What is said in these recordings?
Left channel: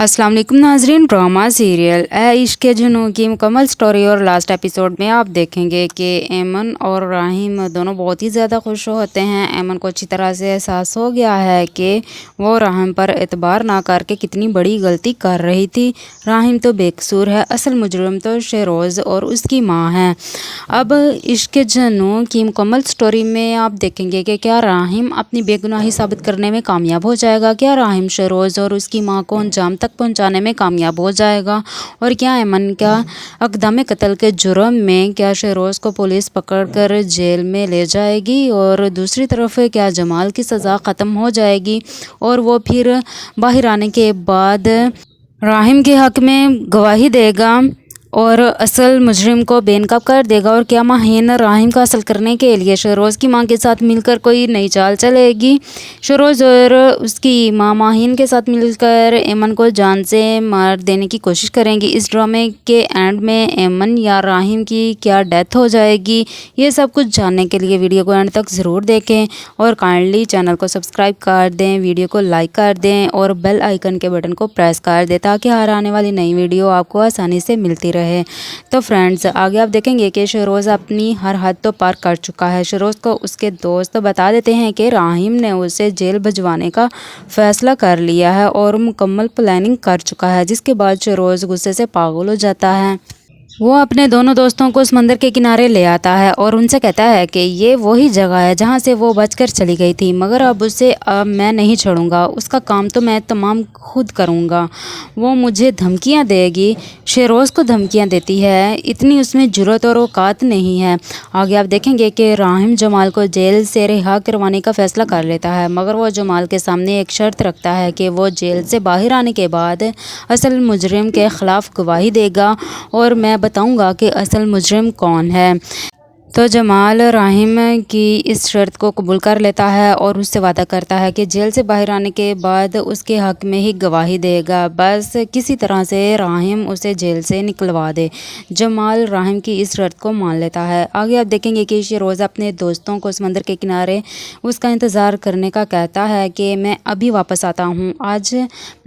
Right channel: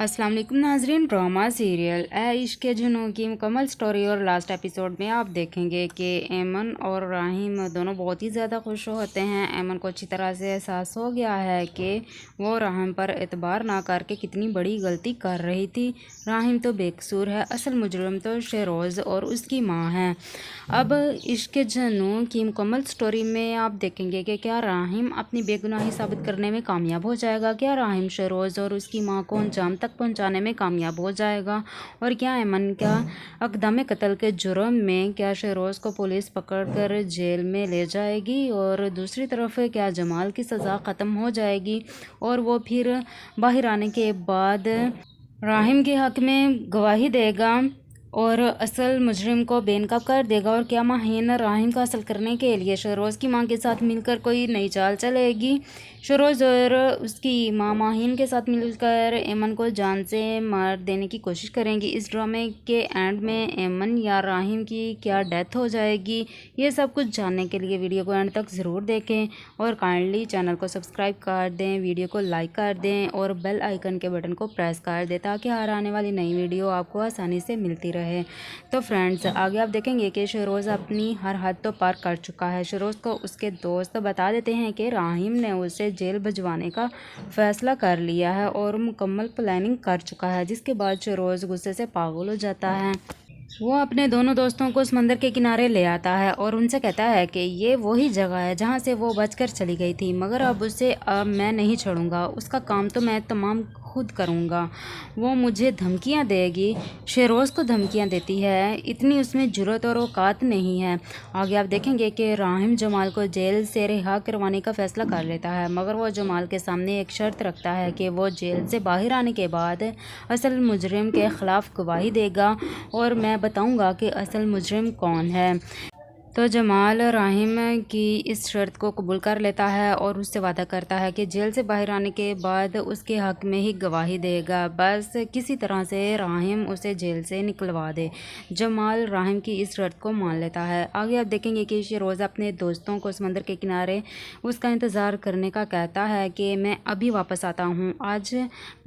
अस्सलाम वालेकुम नाजरीन। ड्रामा सीरियल ए इश्क के जुनून की मुकम्मल स्टोरी और लास्ट एपिसोड में आप देखेंगे कि ऐमन और राहिम दोनों बहुत ही ज़्यादा खुश होते हैं। ऐमन को अच्छी तरह से एहसास हो गया है कि वो राहिम पर एतबार ना करके कितनी बड़ी गलती कर रही थी। राहिम तो बेकसूर है, असल मुजरिम तो शेरोज़ और उसकी माँ है। अब इश्क के जुनून की मुकम्मल स्टोरी में आप देखेंगे कि क्या राहिम अपनी बेगुनाही साबित करने में कामयाब हो जाएगा, क्या राहिम शेरोज़ और उसकी माँ को अंजाम तक पहुंचाने में कामयाब हो जाएगा, और क्या ऐमन का अक़दम कत्ल के जुर्म में क्या शेरोज़ को पुलिस पकड़कर जेल में ले जाएगी, और दूसरी तरफ क्या जमाल की सज़ा ख़त्म हो जाएगी और वो फिर बाहर आने के बाद राहिम के हक़ में गवाही देगा और असल मुजरिम को बेनकाब कर देगा, और क्या माहीन राहिम का असल करने के लिए शेरोज़ की मां के साथ मिलकर कोई नई चाल चलेगी। शेरोज़ और उसकी मां माहीन के साथ मिलकर ऐमन को जान से मार देने की कोशिश करेंगी। इस ड्रामे के एंड में ऐमन या राहिम की क्या डेथ हो जाएगी, ये सब कुछ जानने के लिए वीडियो को एंड तक ज़रूर देखें और काइंडली चैनल को सब्सक्राइब कर दें, वीडियो को लाइक कर दें और बेल आइकन के बटन को प्रेस कर दें ताकि हर आने वाली नई वीडियो आपको आसानी से मिलती रहे। तो फ्रेंड्स, आगे आप देखेंगे कि शेरोज़ अपनी हर हद तो पार कर चुका है। शेरोज़ को उसके दोस्त बता देते हैं कि राहिम ने उसे जेल भिजवाने का फैसला कर लिया है और मुकम्मल प्लानिंग कर चुका है, जिसके बाद शेरोज़ गुस्से से पागल हो जाता है। वो अपने दोनों दोस्तों को समंदर के किनारे ले आता है और उनसे कहता है कि ये वही जगह है जहाँ से वो बचकर चली गई थी, मगर अब मैं नहीं छोड़ूंगा, उसका काम तो मैं तमाम खुद करूँगा। वो मुझे धमकियाँ देगी। शेरोज़ को धमकियाँ देती है, इतनी उसमें जुर्रत और औकात नहीं है। आगे आप देखेंगे कि राहिम जमाल को जेल से रिहा करवाने का फ़ैसला कर लेता है, मगर वो जमाल के सामने एक शर्त रखता है कि वो जेल से बाहर आने के बाद असल मुजरिम के ख़िलाफ़ गवाही देगा और मैं बताऊंगा कि असल मुजरिम कौन है। तो जमाल राहिम की इस शर्त को कबूल कर लेता है और उससे वादा करता है कि जेल से बाहर आने के बाद उसके हक़ में ही गवाही देगा, बस किसी तरह से राहिम उसे जेल से निकलवा दे। जमाल राहिम की इस शर्त को मान लेता है। आगे आप देखेंगे कि शेरोज़ अपने दोस्तों को समंदर के किनारे उसका इंतज़ार करने का कहता है कि मैं अभी वापस आता हूँ, आज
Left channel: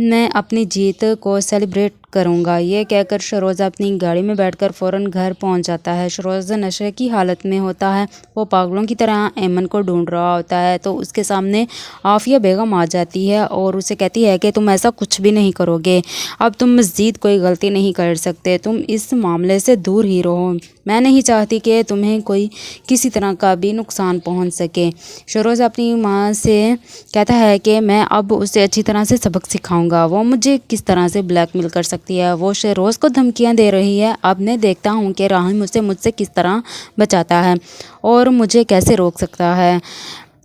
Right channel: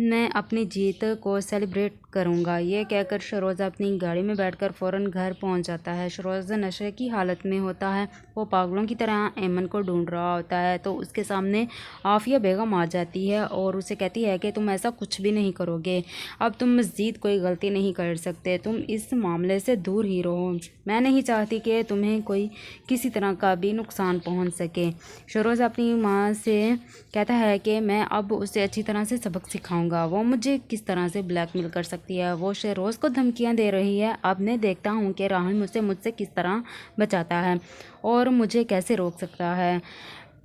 मैं अपनी जीत को सेलिब्रेट करूँगा। ये कहकर शेरोज़ अपनी गाड़ी में बैठकर फ़ौरन घर पहुँच जाता है। शेरोज़ नशे की हालत में होता है, वो पागलों की तरह ऐमन को ढूंढ रहा होता है, तो उसके सामने आफिया बेगम आ जाती है और उसे कहती है कि तुम ऐसा कुछ भी नहीं करोगे, अब तुम मज़ीद कोई गलती नहीं कर सकते, तुम इस मामले से दूर ही रहो, मैं नहीं चाहती कि तुम्हें कोई किसी तरह का भी नुकसान पहुंच सके। शेरोज़ अपनी माँ से कहता है कि मैं अब उसे अच्छी तरह से सबक सिखाऊंगा, वो मुझे किस तरह से ब्लैकमेल कर सकती है, वो शेरोज़ को धमकियाँ दे रही है। अब मैं देखता हूँ कि राहिम उसे मुझसे किस तरह बचाता है और मुझे कैसे रोक सकता है।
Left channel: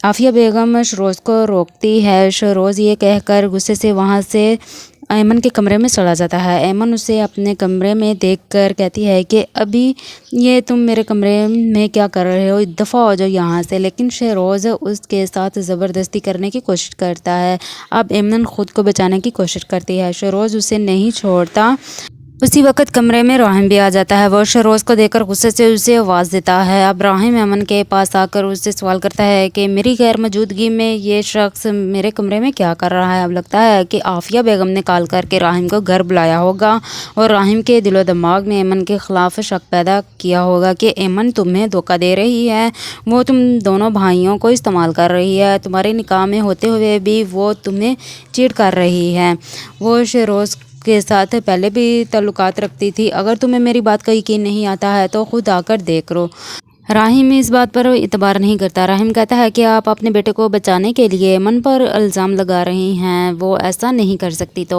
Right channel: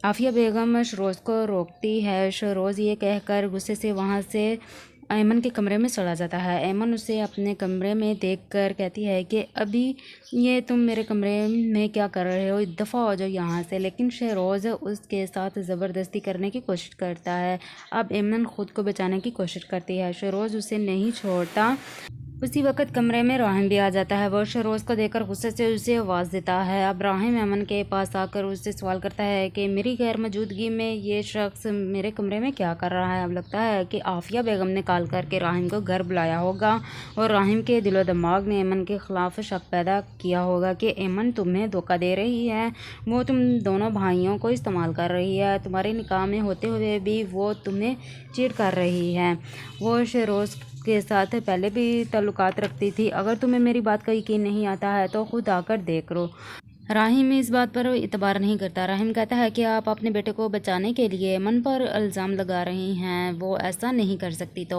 आफिया बेगम शेरोज़ को रोकती है। शेरोज़ ये कहकर गुस्से से वहाँ से ऐमन के कमरे में चला जाता है। ऐमन उसे अपने कमरे में देखकर कहती है कि अभी ये तुम मेरे कमरे में क्या कर रहे हो, दफ़ा हो जाओ यहाँ से। लेकिन शेरोज़ उसके साथ ज़बरदस्ती करने की कोशिश करता है। अब ऐमन खुद को बचाने की कोशिश करती है, शेरोज़ उसे नहीं छोड़ता। उसी वक्त कमरे में राहिम भी आ जाता है। वो शेरोज़ को देखकर गुस्से से उसे आवाज़ देता है। अब राहिम ऐमन के पास आकर उससे सवाल करता है कि मेरी गैर मौजूदगी में ये शख्स मेरे कमरे में क्या कर रहा है। अब लगता है कि आफिया बेगम ने कॉल करके राहिम को घर बुलाया होगा और राहिम के दिलो दिमाग में ऐमन के ख़िलाफ़ शक पैदा किया होगा कि ऐमन तुम्हें धोखा दे रही है, वो तुम दोनों भाइयों को इस्तेमाल कर रही है, तुम्हारे निकाह में होते हुए भी वो तुम्हें चीट कर रही है, वो शेरोज़ के साथ पहले भी ताल्लुकात रखती थी। अगर तुम्हें मेरी बात का यकीन नहीं आता है तो खुद आकर देख लो। राहिम इस बात पर इतबार नहीं करता। राहिम कहता है कि आप अपने बेटे को बचाने के लिए ऐमन पर इल्ज़ाम लगा रही हैं, वो ऐसा नहीं कर सकती। तो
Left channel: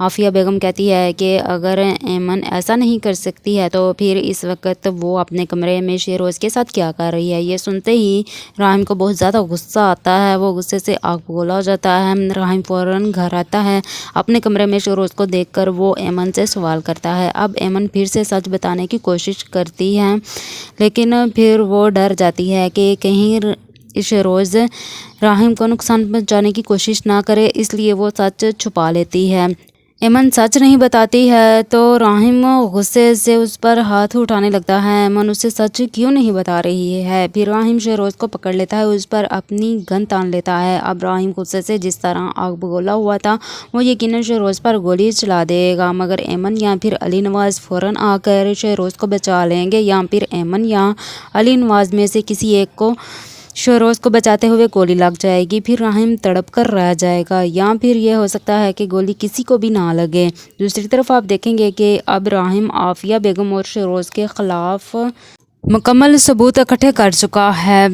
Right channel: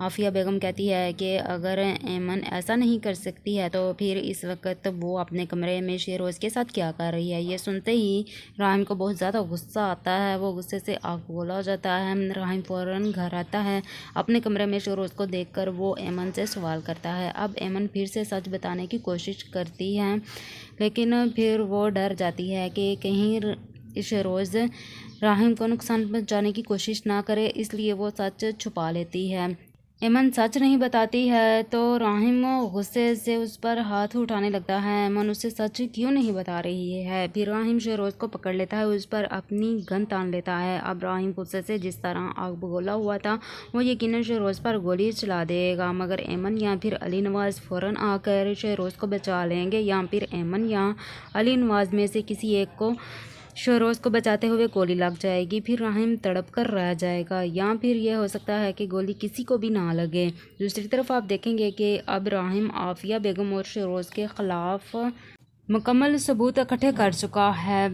आफिया बेगम कहती है कि अगर ऐमन ऐसा नहीं कर सकती है तो फिर इस वक्त वो अपने कमरे में शेरोज़ के साथ क्या कर रही है। ये सुनते ही राहिम को बहुत ज़्यादा गुस्सा आता है, वो गुस्से से आग बबूला हो जाता है। राहिम फ़ौरन घर आता है। अपने कमरे में शेरोज़ को देखकर वो ऐमन से सवाल करता है। अब ऐमन फिर से सच बताने की कोशिश करती है, लेकिन फिर वो डर जाती है कि कहीं शेरोज़ राहिम को नुकसान पहुंचाने की कोशिश ना करे, इसलिए वो सच छुपा लेती है। ایمن سچ نہیں بتاتی ہے تو راہم غصے سے اس پر ہاتھ اٹھانے لگتا ہے۔ ایمن اسے سچ کیوں نہیں بتا رہی ہے؟ پھر راہم شہروز کو پکڑ لیتا ہے، اس پر اپنی گن تان لیتا ہے۔ اب راہم غصے سے جس طرح آگ بگولا ہوا تھا وہ یقیناً شہروز پر گولی چلا دے گا، مگر ایمن یا پھر علی نواز فوراً آ کر شہروز کو بچا لیں گے، یا پھر ایمن یا علی نواز میں سے کسی ایک کو شہروز کو بچاتے ہوئے گولی لگ جائے گی، پھر راہم تڑپ کر رہ جائے گا، یا پھر یہ ہو سکتا ہے کہ گولی کسی کو بھی نہ لگے۔ دوسری طرف آپ دیکھیں گے کہ اب راہم عافیہ بیگم اور شہروز کے خلاف مکمل ثبوت اکٹھے کر چکا ہے،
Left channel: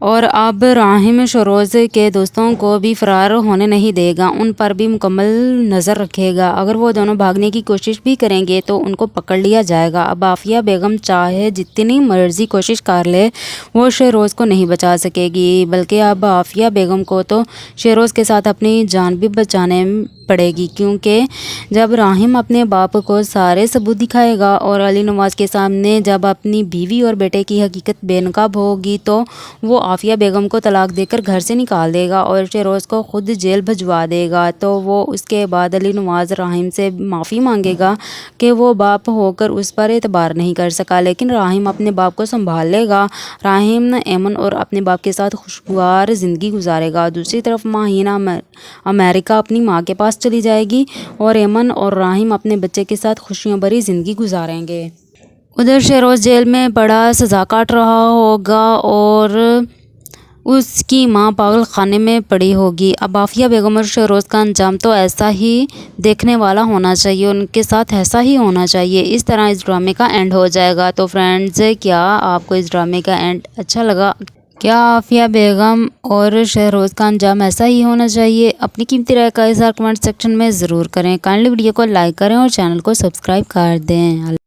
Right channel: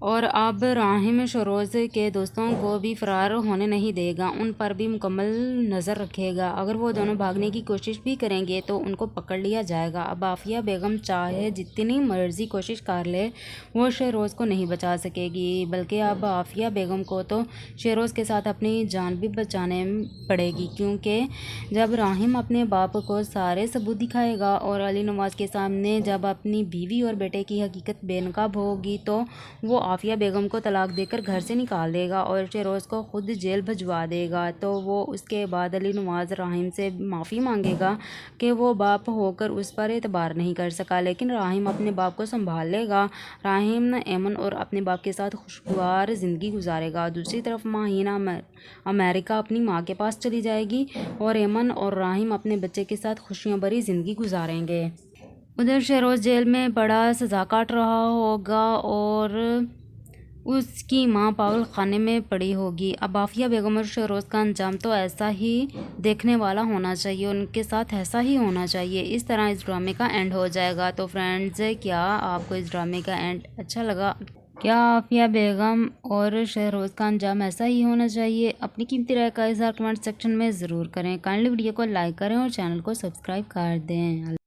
اور اب راہم شہروز کے دوستوں کو بھی فرار ہونے نہیں دے گا، ان پر بھی مکمل نظر رکھے گا۔ اگر وہ دونوں بھاگنے کی کوشش بھی کریں گے تو ان کو پکڑ لیا جائے گا۔ اب عافیہ بیگم چاہے جتنی مرضی کوشش کر لے وہ شہروز کو نہیں بچا سکے گی، بلکہ اب عافیہ بیگم کو تو شہروز کے ساتھ اپنی جان بھی بچانے پڑے گی، کیونکہ جب راہم اپنے باپ کو سارے ثبوت دکھائے گا اور علی نواز کے سامنے جب اپنی بیوی اور بیٹے کی حقیقت بے نقاب ہوگی تو وہ عافیہ بیگم کو طلاق دے کر گھر سے نکال دے گا اور شہروز کو خود جیل بھجوا دے گا، تو وہ اس کے بعد علی نواز راہم سے معافی مانگے گا کہ وہ باپ ہو کر اس پر اعتبار نہیں کر سکا، لیکن راہم اپنے باپ کو سنبھال لے گا۔ راہم ایمن اور اپنے باپ کے ساتھ خوشگوار زندگی گزارے گا۔ دوسری طرف ماہینہ امریکہ اپنی ماں کے پاس چلی جائے گی اور ایمن اور راہم اپنے بچے کے ساتھ خوشیوں بھری زندگی گزاریں گے۔ ادھر شہروز جیل میں بڑا سزا کاٹ رہا ہوگا اور اس کی ماں پاگل خانے میں پڑی ہوگی۔ اب عافیہ بیگم اور شہروز کا انجام تو ایسا ہی دیکھنے والا ہونا چاہیے، ان کے ساتھ ایسا ہی ہونا چاہیے، اس طرح اس ڈرامے کا اینڈ ہو جائے گا۔ تو فرینڈز، کیا آپ کو اس ڈرامے کا اینڈ اچھا لگا؟ کیا عافیہ بیگم اور شہروز کا انجام ایسا ہی ہونا چاہیے؟ اپنی قیمتی رائے کا اظہار کمنٹ سیکشن میں ضرور کریں۔ کائنڈلی ویڈیو کو لائک کریں اور چینل کو سبسکرائب کر دیں۔